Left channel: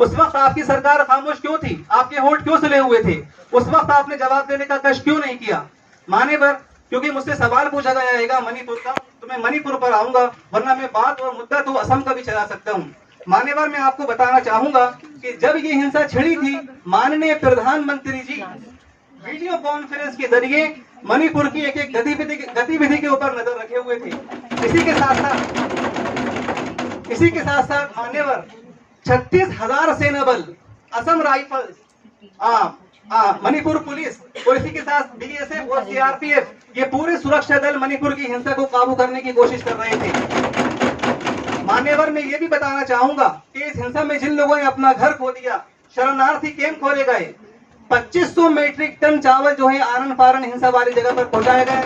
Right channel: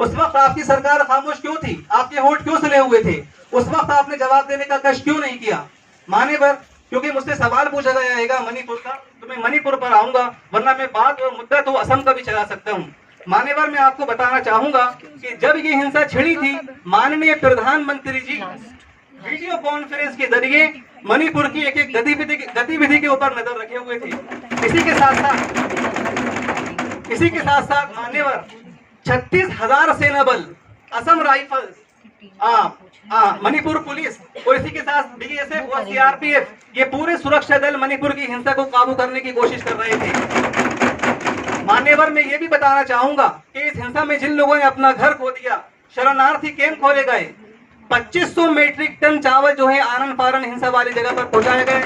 उस वक्त आपकी सरकार खामोश क्यों थी? आपके होठ क्यों सुले हुए थे? उस वक्त आपने जवाब देने का कष्ट क्यों नहीं किया? मान्यवर, क्योंकि मुझसे सवाल पूछा जाएगा मणिपुर का, तो मैं मणिपुर पर आऊंगा, वरना मैं बात और मुद्दा तो असम का भी चला सकता हूँ। मान्यवर, मैं आपको बताना चाहूंगा कि जब ये हिंसा छिड़ी थी, माननीय प्रधानमंत्री जी वीडियो कॉन्फ्रेंस के जरिए मणिपुर की एक एक गतिविधि के ऊपर नजर रखे हुए थे। इसी के साथ साथ मान्यवर, 36,000 सेना बल, असम राइफल्स, मणिपुर पुलिस और इसी के साथ बीएसएफ और सीआरपीएफ, ये पूरे सुरक्षा दल मणिपुर की हिंसा को काबू करने की कोशिश कर रहे थे। मान्यवर, मैं ये भी बताना चाहूंगा कि इस हिंसा में जिन लोगों ने अपना घर खो दिया, शरणार्थी कैंप खोले गए, 2500 मीट्रिक टन चावल जो है आनन फारन हिंसा वाली जगह पर पहुंचाया गया है।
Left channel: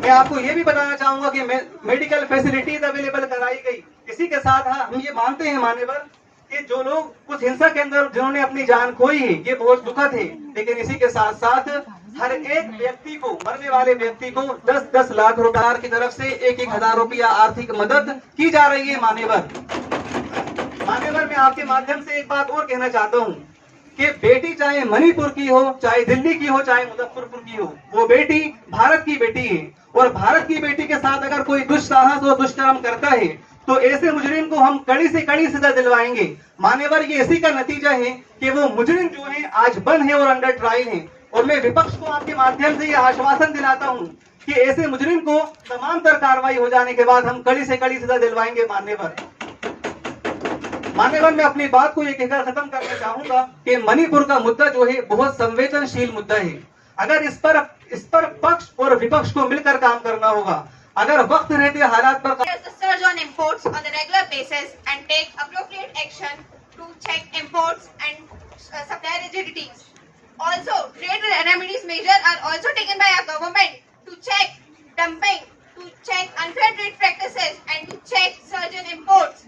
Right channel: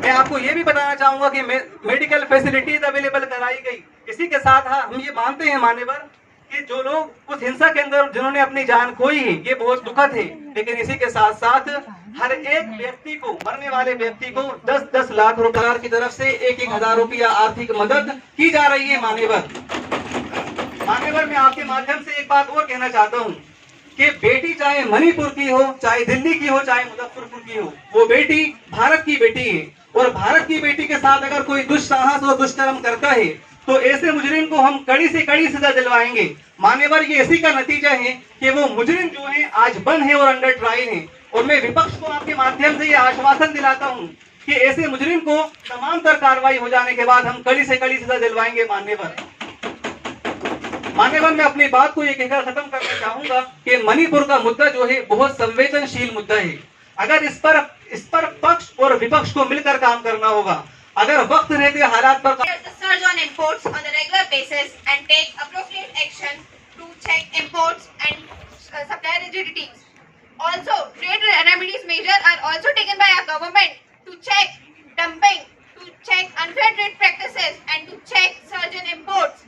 मैं आपको ये भी बताना चाहूंगा कि मेडिकल फैसिलिटीज अवेलेबल कराई गई। इसी के साथ हम ये मानते हैं मान्यवर कि जो लोग उस हिंसा के अंदर जिन्होंने अपनी जान खोई है, ये बहुत दुखद है, लेकिन इसी के साथ साथ हर एक व्यक्ति को, मरने वाले व्यक्ति को 10-10 लाख रुपए की तरफ से 1-1 हजार रुपया आर्थिक मदद की जा रही है। मान्यवर, मैं आपके माध्यम से एक बात और कहना चाहता हूँ कि बेटी चाहे मणिपुर की हो, चाहे दिल्ली की हो, चाहे मुजफ्फरपुर की हो, वो बेटी भारत की बेटी है। और भारत की बेटी के साथ अगर कोई दुस्साहस और दुष्कर्म करता है तो ऐसे मुजरिम को हम कड़ी से कड़ी सजा दिलवाएंगे। मान्यवर, ये इसी का नतीजा है कि वो मुजरिम जो है आज बंद है और अंडर ट्रायल है। और मैं विपक्ष को आपके माध्यम से ये आश्वासन दिलाता हूँ कि ऐसे मुजरिम को तमाम तर कार्रवाई हो जाने के बाद हम कड़ी से कड़ी सजा दिलवाएंगे। मान्यवर, मैं अपनी बात को ये कहकर खत्म करना चाहूंगा कि मणिपुर का मुद्दा जो है बहुत संवेदनशील मुद्दा है। अगर इस पर पक्ष और विपक्ष को मिलकर काम करना होगा। अगर वक्त रहते हालात पर surge on imports on a regular basis and take appropriate action to check imports and supply rigidities. Also, trade remedies measures are also taken by our government to check dumping, to check unfair trade practices and to check surge in imports.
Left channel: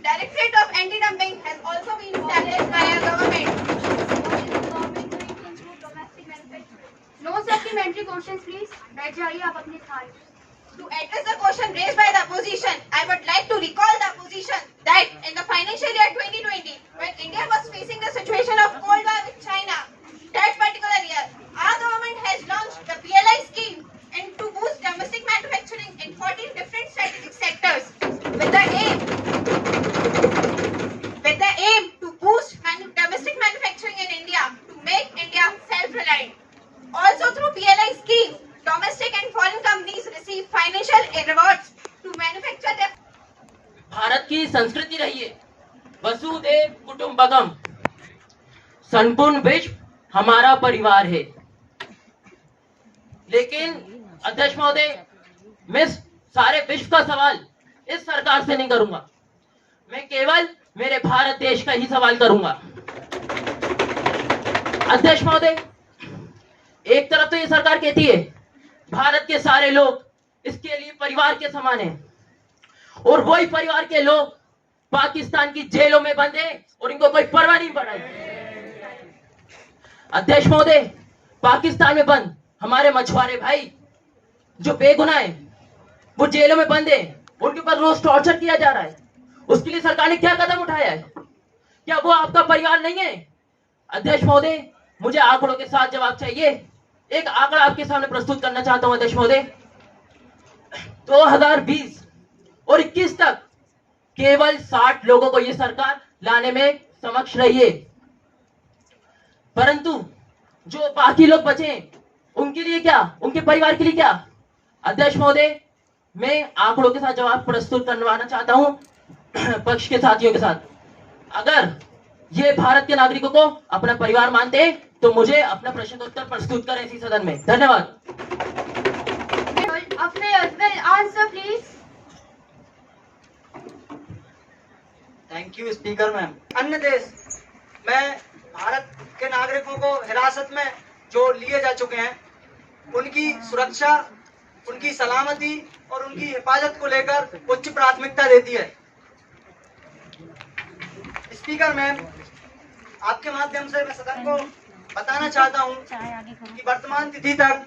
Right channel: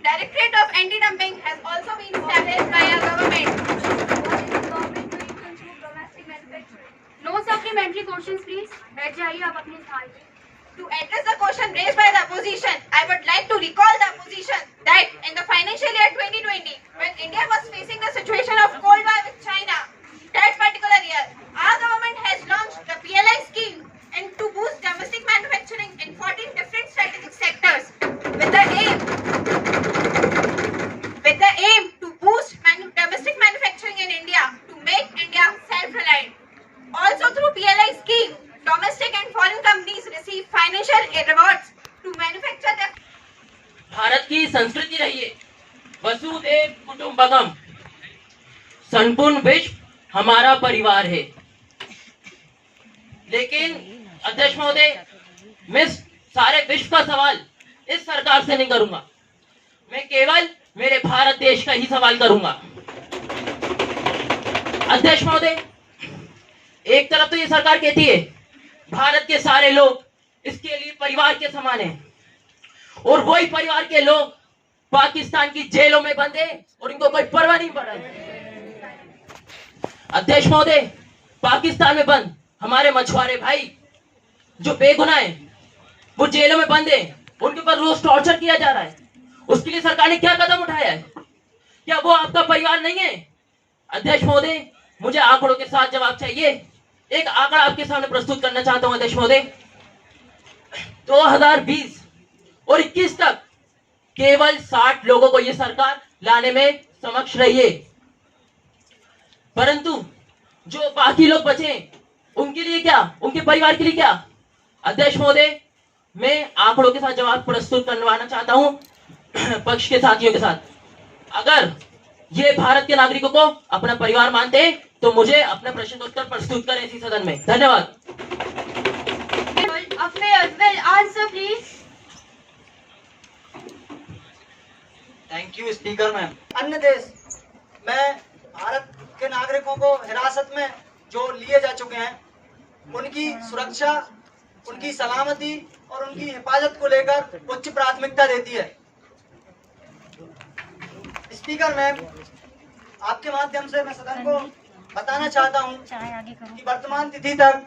Directorate of Anti-Dumping has also been established by our government. What is the government doing to improve domestic manufacturing? No supplementary questions, please. बैठ जाइए आप अपने स्थान पे। To address the question raised by the opposition, I would like to recall the opposition that in the financial year 2020, when India was facing the situation of Cold War with China, that particular year, our government has launched the PLI scheme and to boost domestic manufacturing in 14 different strategic sectors with the aim to boost domestic manufacturing in India to make India self-reliant. Also through PLI scheme, domestic and foreign companies receive financial rewards to manufacture their. Bharat की संस्कृति रही है वसुदेव कुटुंबकम, संपूर्ण विश्व हमारा परिवार है। लेकिन अध्यक्ष महोदय, मैं सारे विश्व का सवाल इस सरकार से नहीं करूंगा, मैं केवल मेरे भारत देश का ही सवाल करूंगा। अध्यक्ष महोदय, एक तरफ तो ये सरकार कहती है भारत के सारे लोग इसके लिए परिवार के समान हैं, और वही परिवार के लोग पाकिस्तान की जेलों में बंद हैं और इनको कोई परवाह नहीं पड़ रही। अध्यक्ष महोदय, पाकिस्तान में बंद हमारे मछुआरे भाई जो बेगुनाह हैं, वो जेलों में बंद हैं, उनके ऊपर रोज टॉर्चर किया जा रहा है। उसके लिए सरकार ने क्या कदम उठाया है? क्या वो आपका परिवार नहीं है? अध्यक्ष महोदय, मुझे आंकड़ों के साथ जवाब चाहिए। एक आंकड़ा आपके सामने प्रस्तुत करना चाहता हूं अध्यक्ष महोदय। 2020 और 21 तक केवल 60 लोगों को यह सरकार लाने में समक्ष रही है, परंतु जो बाकी लोग बचे उनके लिए क्या, उनके परिवार के लिए क्या? अध्यक्ष महोदय, मैं आंकड़ों के साथ जवाब प्रस्तुत करवाना चाहता हूं पक्ष के साथियों के साथ। अगर ये भारत के नागरिकों को अपना परिवार मानते हैं तो मुझे अपना प्रश्नोत्तर प्रस्तुत करें इसी सदन में। धन्यवाद। Answer please. Thank you speaker ma'am. अन्य देश में भारत के नागरिकों को हिरासत में जो लिए जा चुके हैं, उनकी सुरक्षा, उनकी सलामती और उनकी हिफाजत को लेकर उच्च प्राथमिकता देती है। स्पीकर मैम, आपके माध्यम से मैं सदन को बताना चाहता हूं कि वर्तमान तिथि तक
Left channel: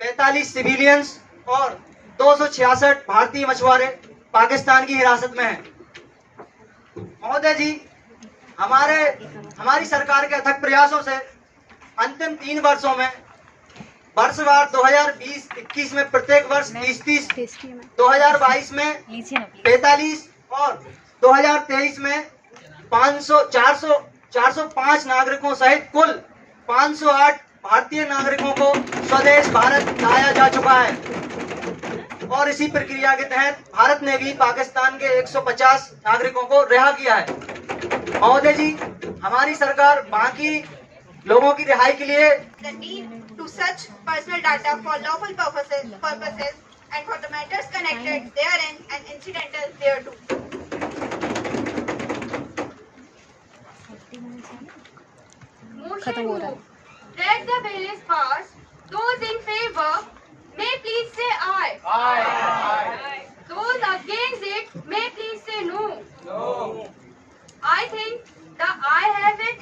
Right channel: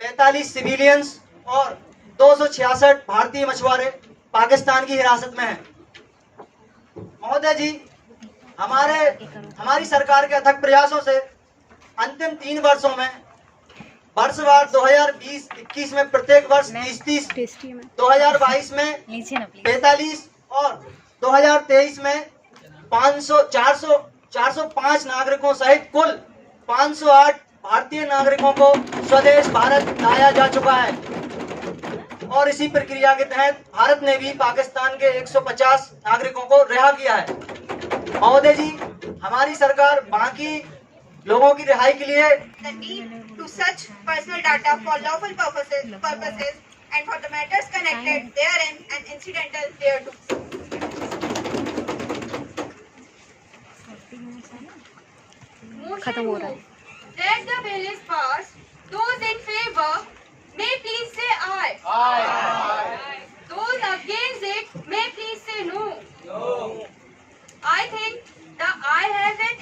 45 सिविलियंस और 266 भारतीय मछुआरे पाकिस्तान की हिरासत में हैं। महोदय जी, हमारी सरकार के अथक प्रयासों से अंतिम 3 वर्षों में वर्षवार 2020-21 में प्रत्येक वर्ष 30, 2022 में 45 और 2023 में 405 नागरिकों सहित कुल 508 भारतीय नागरिकों को स्वदेश भारत लाया जा चुका है। और इसी प्रक्रिया के तहत भारत ने भी पाकिस्तान के 150 नागरिकों को रिहा किया है। महोदय जी, हमारी सरकार बाकी लोगों की रिहाई के लिए The need to search personal data for lawful purposes and for the matters connected therein and incidental thereto. खत्म हो रहा है। That the bill is passed. Those in favor may please say aye. Those against it may please say no. I think the ayes have it.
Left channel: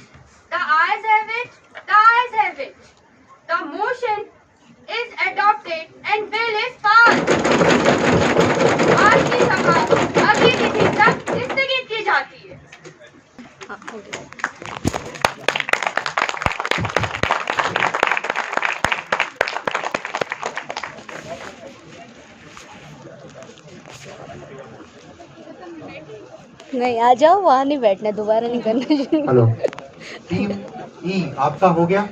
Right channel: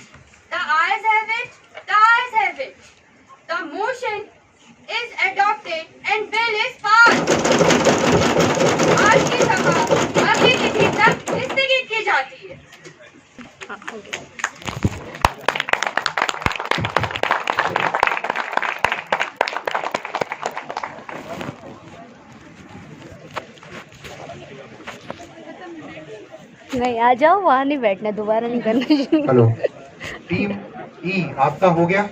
The ayes have it. The ayes have it. The motion is adopted and bill is passed. आज की सभा अगली तिथि तक स्थगित की जाती है। हाँ, हो गया। नहीं, आ जाओ, वहाँ नहीं बैठना, दोबारा नहीं करना। हेलो टीम ई, आपका हो गया।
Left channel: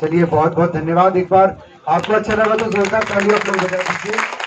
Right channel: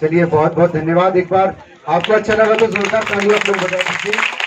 चलिए बहुत बहुत धन्यवाद। एक बार आपको अच्छा लगा तो जोरदार ताली आप लोग बजा दीजिए।